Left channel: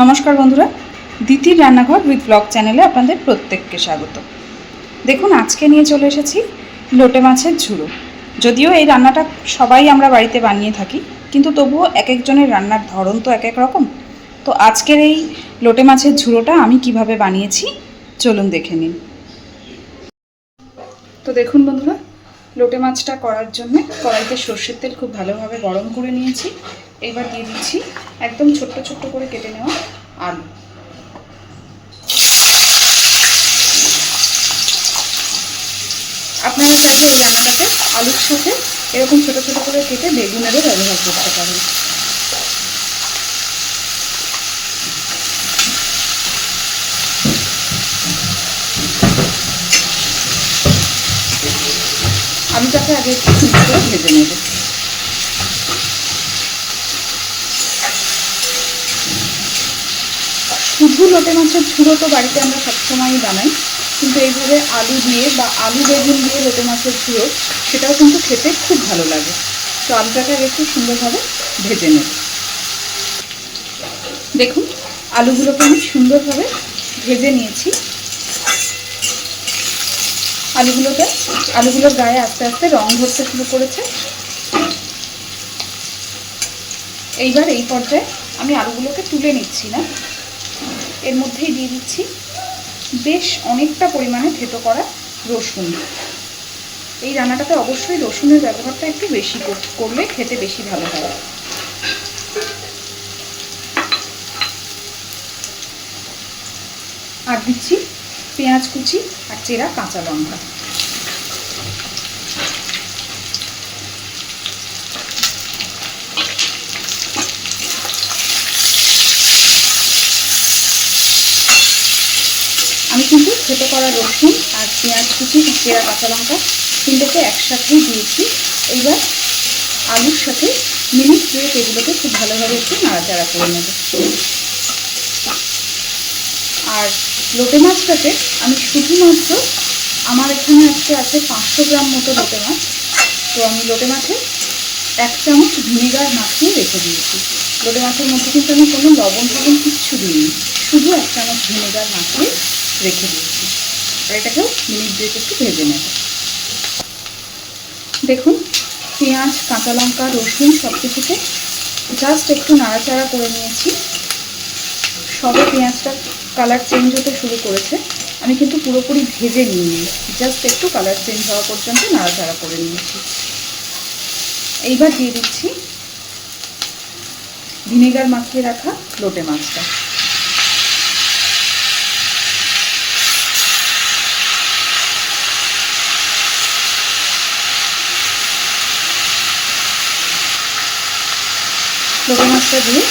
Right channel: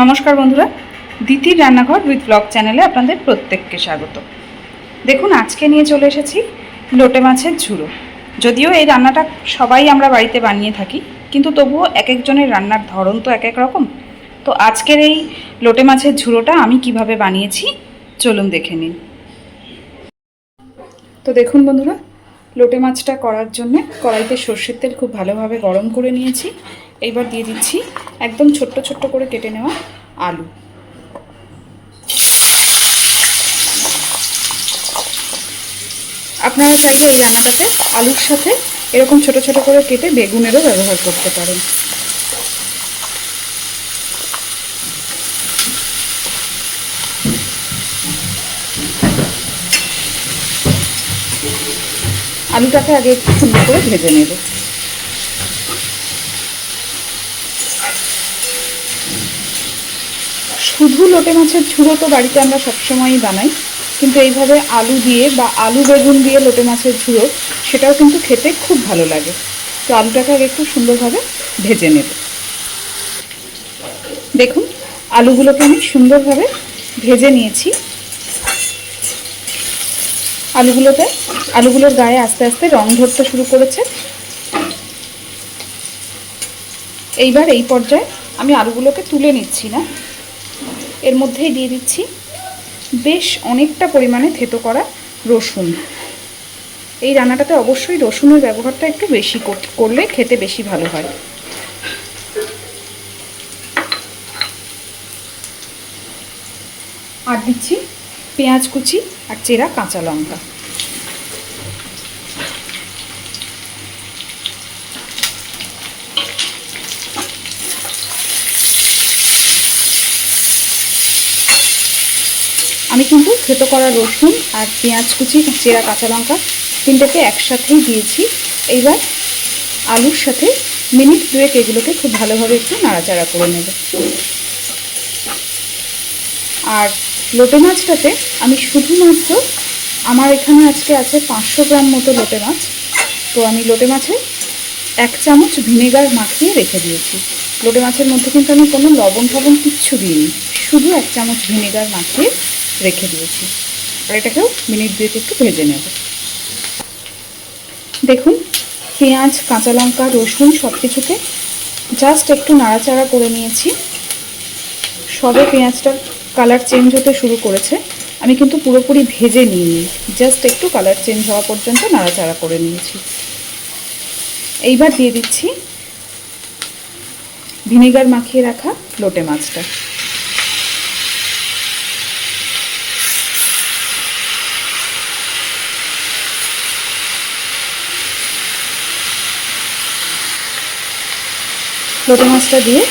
নমস্কার বন্ধুরা, দিতির রান্নাঘর উইথ ব্লগ চ্যানেলে আপনাদের প্রত্যেককে স্বাগত। দেখুন, আজকে নিয়ে চলে এসেছি লোটে মাছের ঝুড়ো। যদিও এই রান্নাটা সবাই আমরা বাড়িতে বানিয়ে থাকি, কিন্তু তবুও এক একজনের রান্নার ধরন তো এক এক রকম। তো আজকের এই লোটে মাছের ঝুড়োটা আমি কিভাবে বানিয়েছি চলুন দেখে নিন। তো দেখুন বন্ধুরা, লোটে মাছটা করার জন্য কড়াইতে সর্ষের তেল খুব ভালোভাবে গরম করে নিয়েছি। এইবার দিয়ে দিচ্ছি একদম ছোট্ট ছোট্ট করে কেটে নেওয়া আলু। আপনারা চাইলে এই রান্নাটাতে আলুর সাথে এরকম ছোট ছোট করে কেটে বেগুনেরও ব্যবহার করতে পারেন। আলুটাকে আগে একটু সুন্দর করে ভেজে নেব। শুধু লোটে মাছের ঝুড়ো তো বাড়িতে আমরা সবসময়ই বানাই, কিন্তু এইভাবে আলু দিয়ে বা আলু বেগুন দিয়ে লোটে মাছের ঝুড়ো সেটাও কিন্তু খেতে খুব ভালো লাগে। তো আলুটাকে আগে একটু সুন্দরভাবে ভেজে নেব। দেখুন, আলুগুলোকে আমি সুন্দরভাবে ভেজে নিয়েছি। আলুগুলোর গায়ে আস্তে আস্তে রং ধরতে শুরু করেছে। এইবার এই পর্যায়ে আমি আলুগুলোকে তুলে নিচ্ছি না, এর মধ্যেই দিয়ে দিচ্ছি বেশ অনেকটা পরিমাণে থেতো করা রসুন। এই রান্নাটাতে অবশ্যই রসুনের ব্যবহারটা একটু বেশি করলে খেতে বেশি ভালো হয়। আর দিচ্ছি পেঁয়াজ কুচি আর চেরা কাঁচা লঙ্কা। আমি কিন্তু থেতো করা রসুন আর পেঁয়াজ কুচি চেরা কাঁচা লঙ্কা তিনটাকে একসাথেই দিয়েছি। এইবার আলুর সাথে মিনিট দুয়েক এগুলোকে খুব ভালোভাবে একটু নাড়াচাড়া করে নেব। আর লোটে মাছটাতে আমি শুধুমাত্র, আমার এখানে আজকে আছে 500 গ্রাম মতো লোটে মাছ, তো আমি লোটে মাছে 1 চামচ ভিনেগার মাখিয়ে রেখে দিয়েছি। লোটে মাছের মধ্যে কিন্তু আমি কোনো লবণ ফবণ কিচ্ছু দিইনি, শুধু 1 চামচ ভিনেগার মাখিয়ে রেখে দিয়েছি। আর এটাকেও মিনিট দুয়েক একটু ভেজে নেব। দেখুন, পেঁয়াজ কাঁচা লঙ্কা রসুন সব কিছুতে জাস্ট একটু নাড়াচাড়া করে নিয়েছি। সবে পেঁয়াজটার কালার চেঞ্জ হতে শুরু করেছে, আমি কিন্তু পুরোপুরি ভেজে নিইনি, জাস্ট একটু কালার চেঞ্জ হওয়া পর্যন্ত নাড়াচাড়া করে নিয়েছি। এইবার দিয়ে দিচ্ছি ভিনেগার মাখিয়ে রাখা লোটে মাছটা। লোটে মাছটা দিয়ে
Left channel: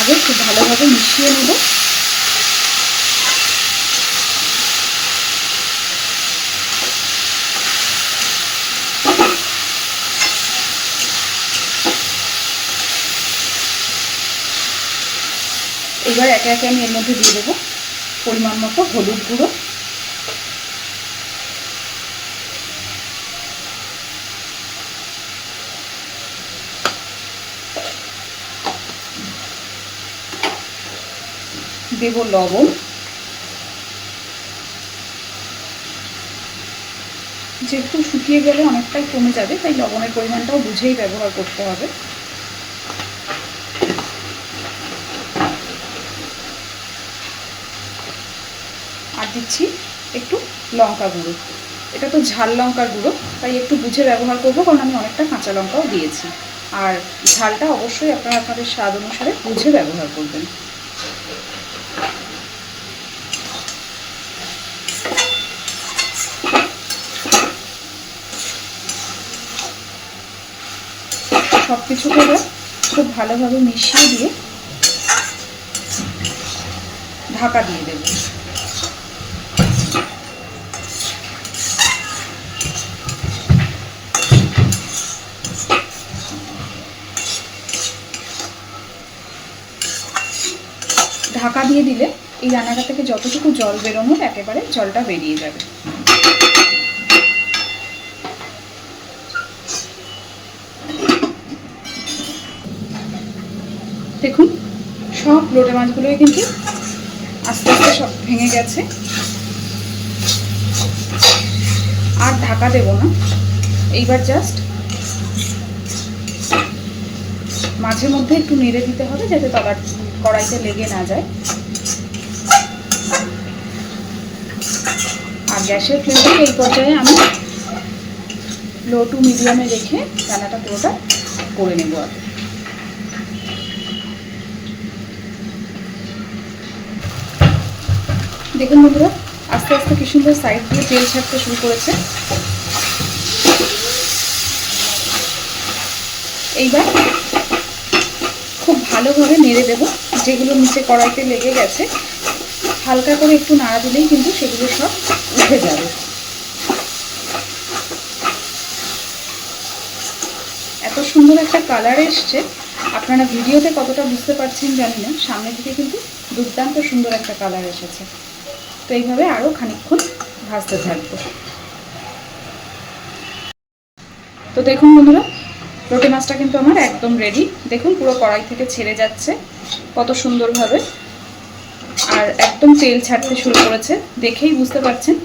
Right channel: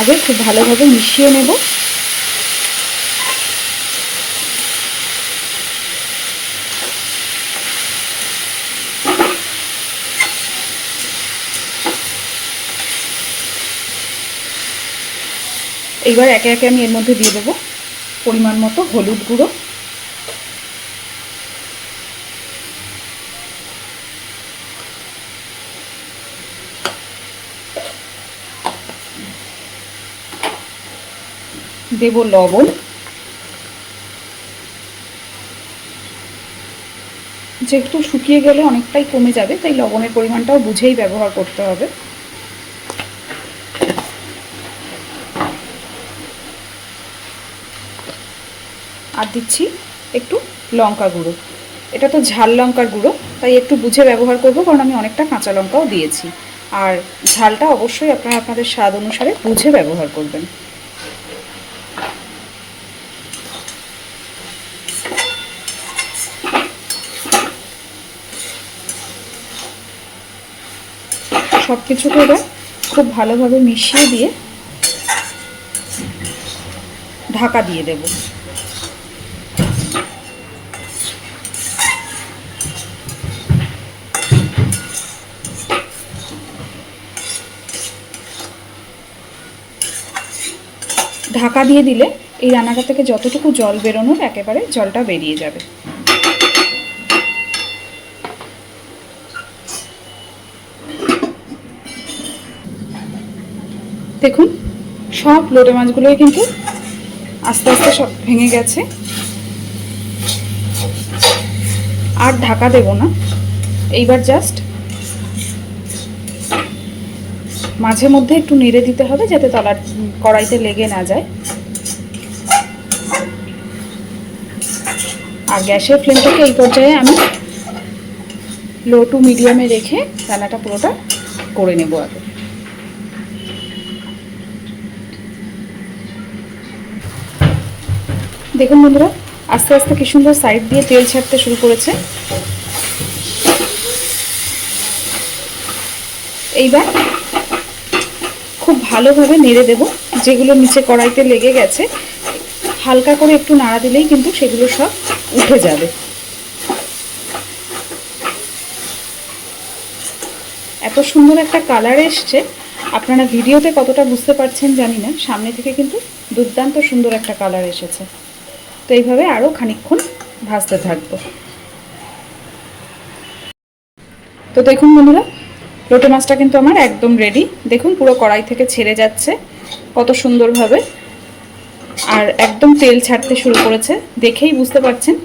আগে খুব ভালোভাবে মিশিয়ে নেব। এইবার একে একে আমি এর মধ্যে দিয়ে দেবো পরিমাণ মতো হলুদ গুঁড়ো, দেব লবণ, যেহেতু শুকিয়ে গেলে অনেকটাই কমে যাবে তাই লবণের পরিমাণটাও বুঝেই ব্যবহার করতে হবে। আর দিচ্ছি একটু লঙ্কা গুঁড়ো। এটা তো ঝাল লঙ্কার গুঁড়ো, তাই একটু বুঝে ব্যবহার করব, কারণ আমি অনেকটা কাঁচা লঙ্কাও দিয়েছি। আর ঝালটা অবশ্যই আপনারা আপনাদের স্বাদ অনুসারে বুঝে ব্যবহার করবেন। সব কিছুকে এবার খুব ভালোভাবে মিশিয়ে দিয়ে ঢাকা দিয়ে দেব। ঢাকা দিয়ে দিলে এই রান্নাটা থেকে যতটুকু জল বেরোনোর একেবারে জলটা বেরিয়ে যাবে। দেখুন, সব লোটে মাছগুলোই কিন্তু আস্তে আস্তে সব ভেঙে গেছে। আর ঢাকা দেব না, এইবার জাস্ট মাঝে মধ্যে একটু নেড়ে দিতে হবে যাতে তলার কড়াইতে লেগে না যায়। আর গ্যাসের ফ্লেমটাকে এই পর্যায়ে আমি লো টু মিডিয়ামে রেখে রান্নাটা পুরোটা করে নেব। আগে দেখুন বন্ধুরা, আস্তে আস্তে কি সুন্দর সাইড দিয়ে তেল ছাড়তে শুরু করেছে। এইবার খুব ভালোভাবে নেড়ে দেব। যেগুলো নিচে কড়াইতে লেগে গেছে হালকা করে একটু নাড়া দিলেই কিন্তু সেগুলো সব উঠে যাবে। এত সুন্দর একটা কালার এসছে, আপনারা ভিডিওতে কতটা বুঝতে পারছেন জানি না, সামনে থেকে কিন্তু দুর্দান্ত সুন্দর একটা কালার এসেছে। তো এইভাবে আরও খানিকক্ষণ ভাজতে থাকবো। তো দেখুন বন্ধুরা, লোটে মাছটা কিন্তু আমার একদম রেডি। দেখুন পুরো কড়াই থেকে ছেড়ে যাচ্ছে কত সুন্দরভাবে, আর একদম তেল ছাড়তে শুরু করেছে। দেখেই বুঝতে পারছেন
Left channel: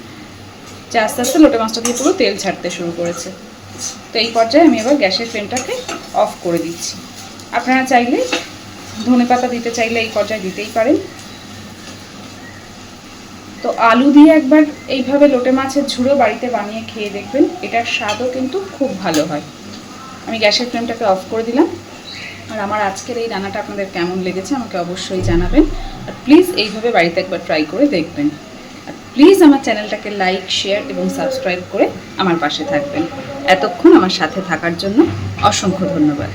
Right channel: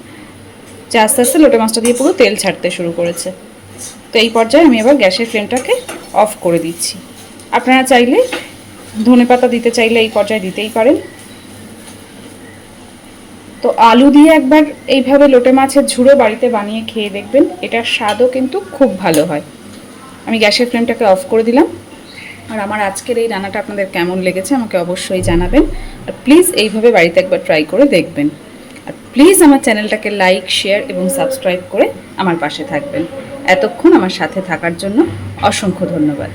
যে আস্তে আস্তে লোটে মাছটা দিয়ে পুরো তেল ছাড়তে শুরু করেছে। তো এই পর্যায়ে আমি এবার গ্যাসের ফ্লেমটাকে অফ করে দিচ্ছি। আপনারা চাইলে ধনেপাতা দিতে চাইলে এই পর্যায়ে দিতেই পারেন। তো আলু দিয়ে একবার এইভাবে লোটে মাছের ঝুড়ো বাড়িতে বানিয়ে খেয়ে দেখবেন, এটার স্বাদও কিন্তু খুব ভালো হয়। আমি গ্যাসের ফ্লেমটাকে অফ করে দিলাম। আর আমার আজকের এই রান্নাটা আপনাদের কেমন লেগেছে আমাকে অবশ্যই জানাবেন। আর প্লিজ এইভাবে বাড়িতে একবার ট্রাই করে দেখবেন। আর প্লিজ আমার চ্যানেলটাকে লাইক, শেয়ার এবং সাবস্ক্রাইব করে আমার পাশে থাকবেন। এতক্ষণ আমার সাথে থাকার জন্য অসংখ্য ধন্যবাদ।